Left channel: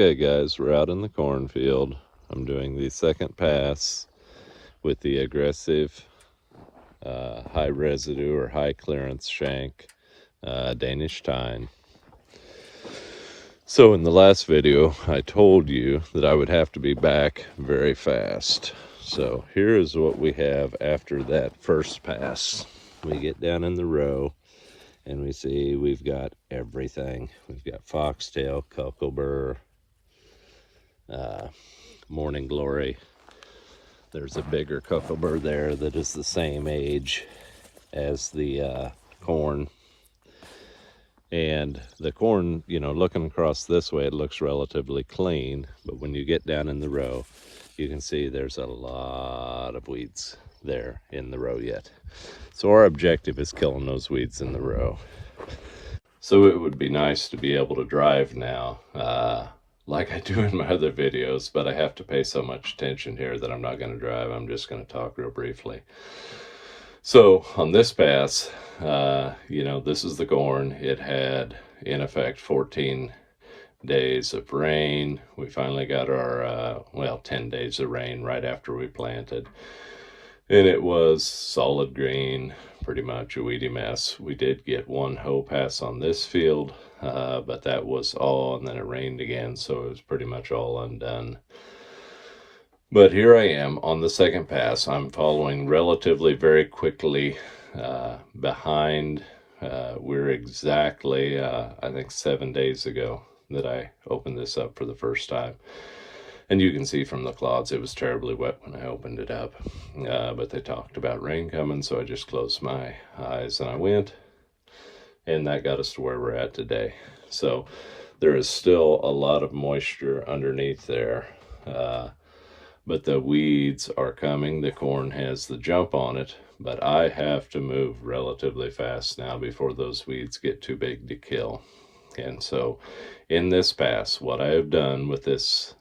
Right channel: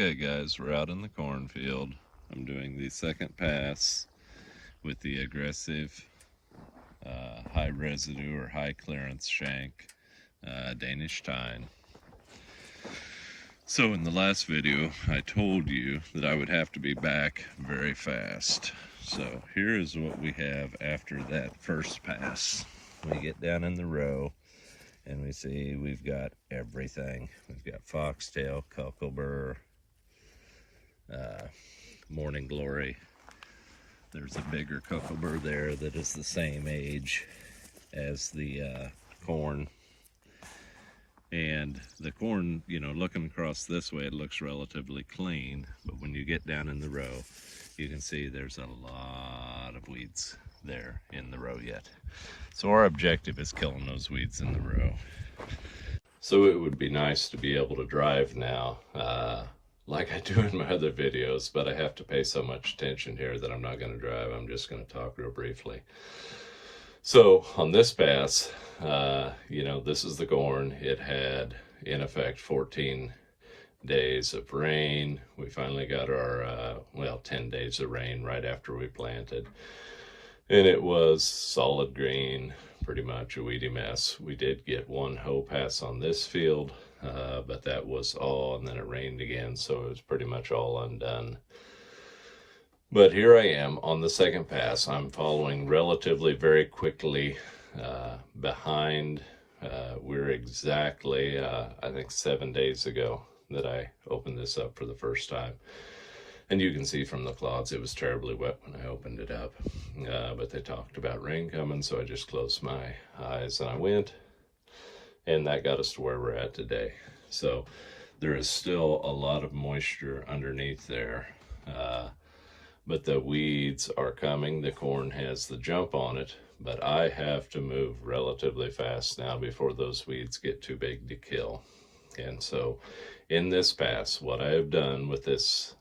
Okay guys, we're out in the cornfield. I'm doing the second pass with the aggressive high residue or high clearance shank Danish tine. So in the last video I told you that I would have to be back very fast. So here is what we have after that first pass. We get down in the row and we see we've got everything. We've got foxtail, cocklebur, morning glory. There's a bigger cocklebur there that is the same age as the corn. And the corn, you know, looking across this way, it looks relatively clean. But when you get down in the row, you can see there's a lot of weeds there in the row yet. So our objective is killing those weeds in the row. So it would be nice to be able to drive now, like I do in my other videos, but I have to pay so much attention here that I'm not going to drive. I'm just going to talk real briefly. So on this pass, you know, this is the corn. It had, in effect, 14 days of rain. We finally got our, 10 days of rain right after we planted. And it was solid green, pretty much a weedy mess. We did get one hoe pass on this field, but that was all, and then it rained again, so it was pretty much all undone. But here I am on the second pass. I'm following relatively very quickly behind. We're exactly, I think 7 days ago that I opened this up for the first time. And you can see from the clouds, it was terribly wet when I opened it up. But they talked about rain coming, so I just closed my eyes and I went. And that got us to where we're at today. So there is still a lot of moisture underneath there. But the weeds are coming. The corn has the jump on it. But I have to move relatively fast now before those weeds get too big to kill. And so in this pass, what I have done with this,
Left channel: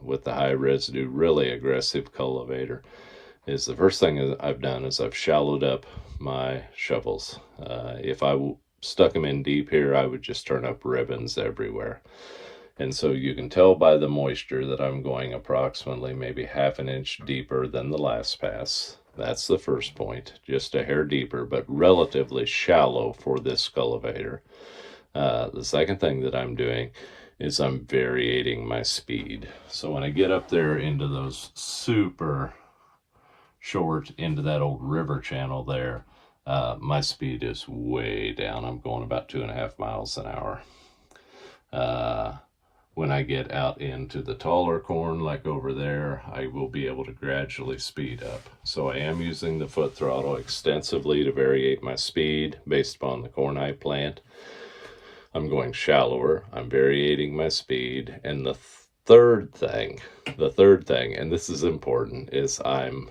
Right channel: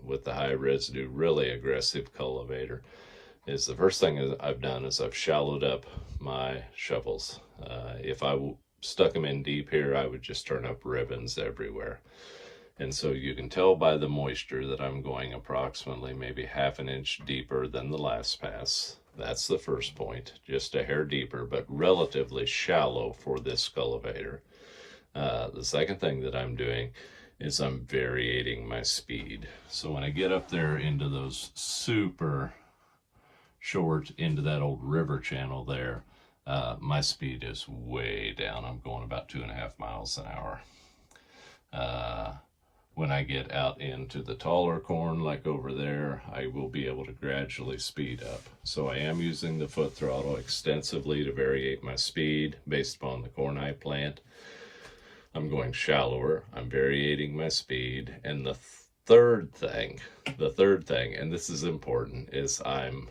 with the high residue, really aggressive cultivator, is the first thing I've done is I've shallowed up my shovels. If I stuck them in deep here, I would just turn up ribbons everywhere. And so you can tell by the moisture that I'm going approximately maybe half an inch deeper than the last pass. That's the first point, just a hair deeper, but relatively shallow for this cultivator. The second thing that I'm doing is I'm variating my speed. So when I get up there into those super short, into that old river channel there, my speed is way down. I'm going about 2.5 miles an hour. When I get out into the taller corn, like over there, I will be able to gradually speed up. So I am using the foot throttle extensively to variate my speed based upon the corn I plant. I'm going shallower, I'm variating my speed, and the third thing, and this is important, is I'm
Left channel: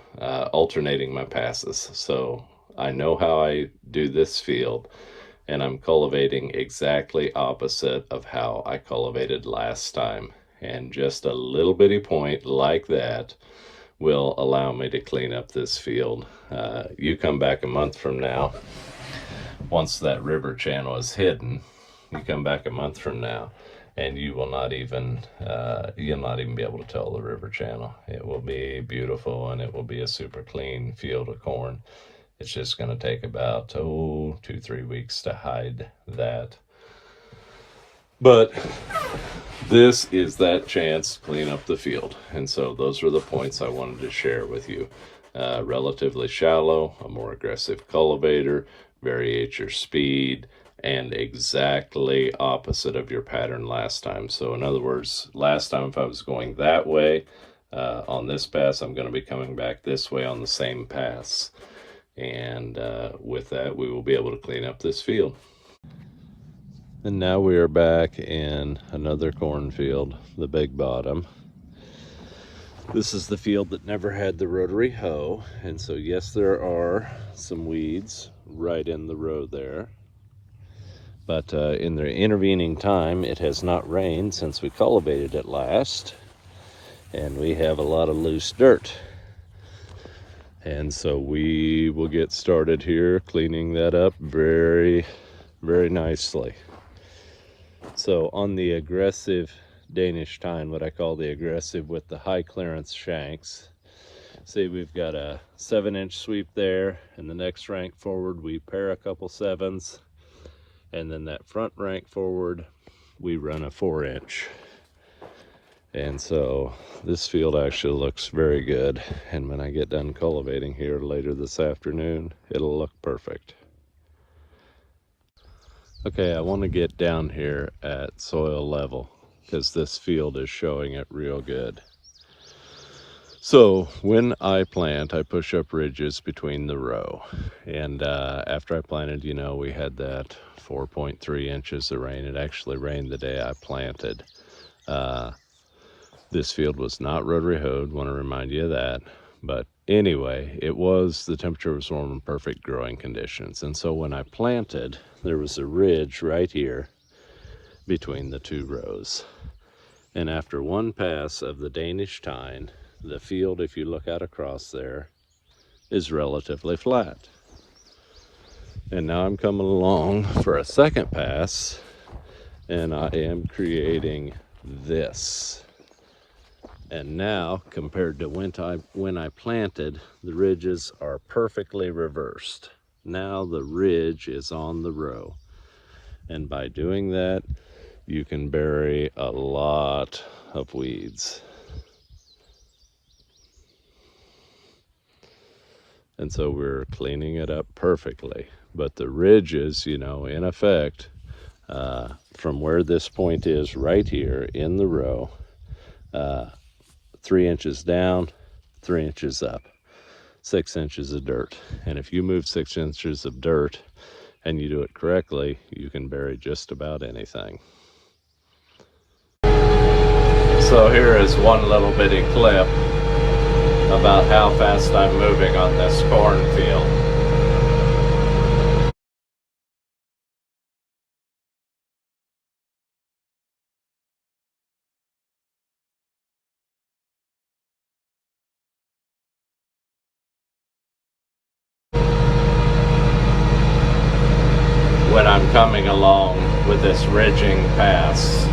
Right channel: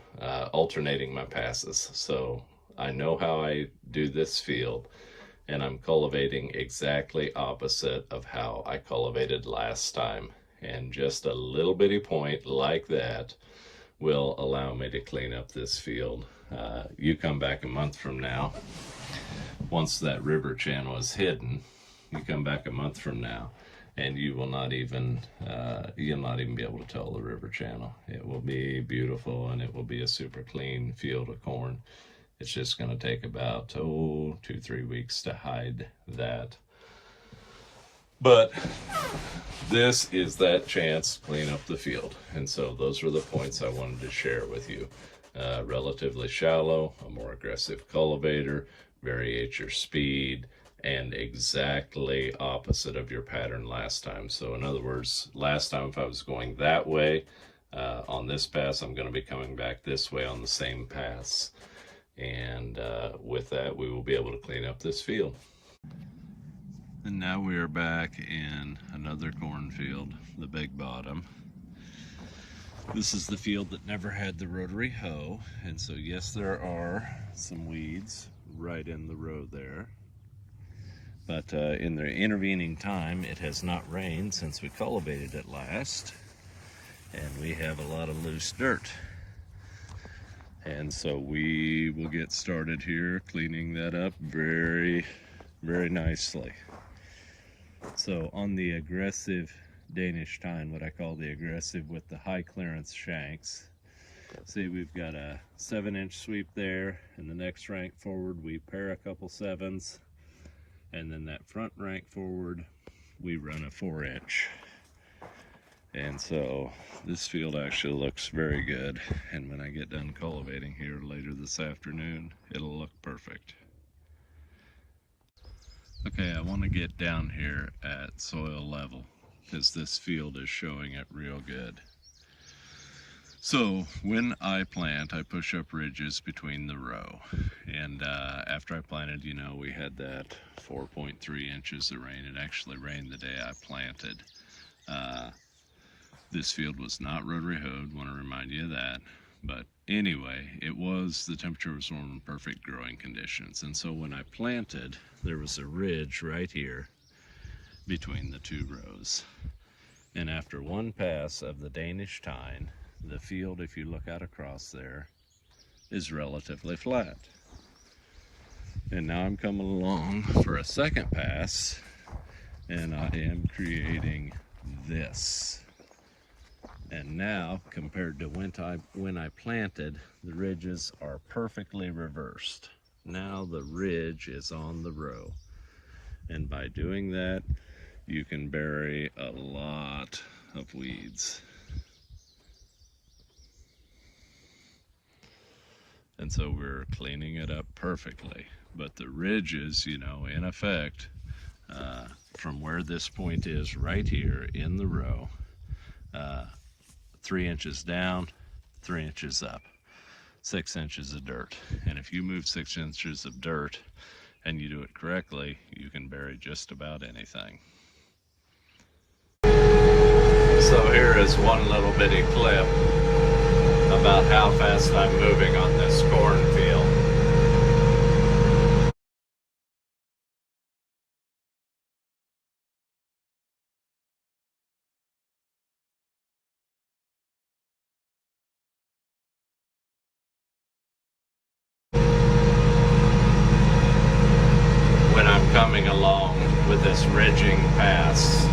alternating my passes. So I know how I do this field, and I'm cultivating exactly opposite of how I cultivated last time. And just a little bitty point like that will allow me to clean up this field. You come back a month from now, once that river channel is hidden, you come back a month from now, and you will not even you'll not even be able to tell the river channel. It will be beautiful, and it will be a super clean field of corn. It's just going to take about 2-3 weeks to hide that. But this is that chance to clean up the field, and so those were the points I wanted to share with you. Relatively shallow, a more aggressive cultivator, variate your speed, and exactly opposite of your pattern last time. So in other words, last time if I was going that way, on this pass, I'm going to be coming back this way on the same pass. And with that, we will be able to clean up this field. And now we are back in another cornfield, the Big Bottom. This is the field that never had the rotary hoe, and so yes, there are some weeds right in the row there. But in the intervening time, it has not rained since we cultivated it last, and we have a lot of loose dirt. And so we will get started here cleaning that up very, very nicely. So on the aggressive Danish tine, what I call the aggressive with the high clearance shanks. See, we've got a 7-inch sweep there, and the next rank forward we pair a couple 7s, and then that front rank forward we run a 4-inch. And so this field actually looks very good, and when I get done cultivating here later this afternoon, it'll look perfect. Okay, I want to get down here at soil level because this field is showing it real good. So when I plant, I push up ridges between the row. And after I planted, you know, we had that 4.3 inches of rain. It actually rained the day I planted. This field was not rotary hoed, want to remind you of that. But anyway, the temperature was warm and perfect growing conditions. And so when I planted, there was a ridge right here between the two rows. And after one pass of the Danish tine, the field, if you look out across there, is relatively flat. And now I'm coming along for a second pass, and I am creating this. And now, compared to when I planted, the ridges are perfectly reversed. Now the ridge is on the row. And by doing that, you can bury a lot of weeds. And so we're cleaning it up perfectly. But the ridges, you know, in effect, from where this point is right here in the row, 3 inches down, 3 inches up, 6 inches of dirt. And if you move 6 inches of dirt and you do it correctly, you can bury just about anything. So here is one little bitty clip about how fast I'm moving on this cornfield. When I'm coming along with this ridging pass,